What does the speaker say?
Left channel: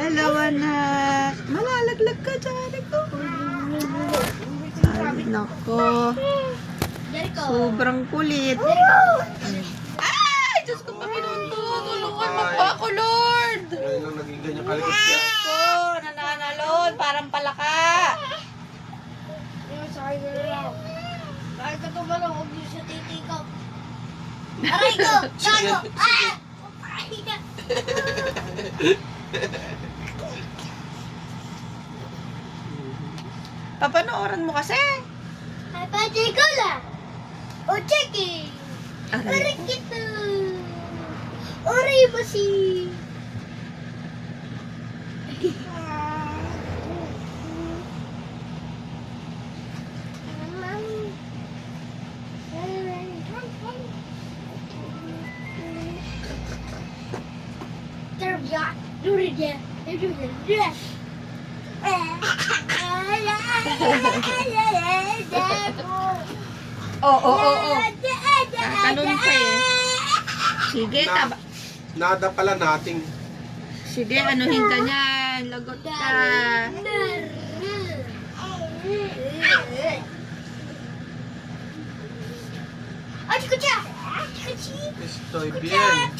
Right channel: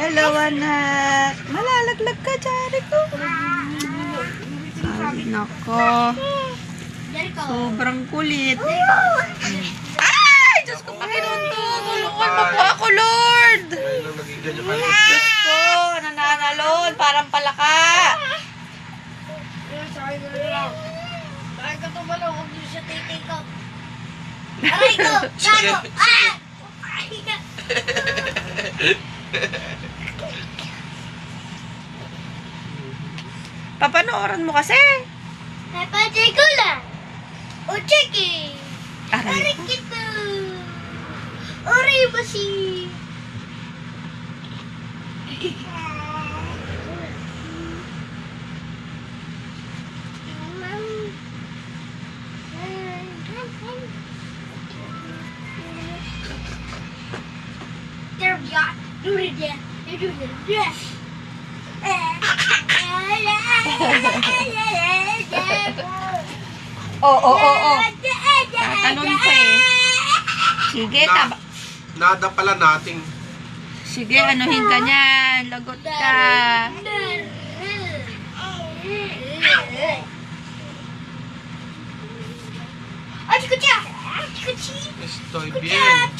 Hello, anak. Malalaglag ka dyan. Ay, nako. Sobrang kulit. Ay! Diyos ko, Panginoon to. Tulungan mo po ako, Lord. Nung naging ganyan kalikot siya. Diyos ko, nananalon. Parang palaka. Bakit ka tumalong? Huwag niyo siya titikap. Aray ko! Gago! Ah! Papanoorin mo kasi. Napatay ko lang! O chiki! Aray. Aray kita! Aray ba si... Oo. Talon ka eh. Sige, Nada pala nating. Sige, anuhin ka niyan. Lagot ka. Estoy bien.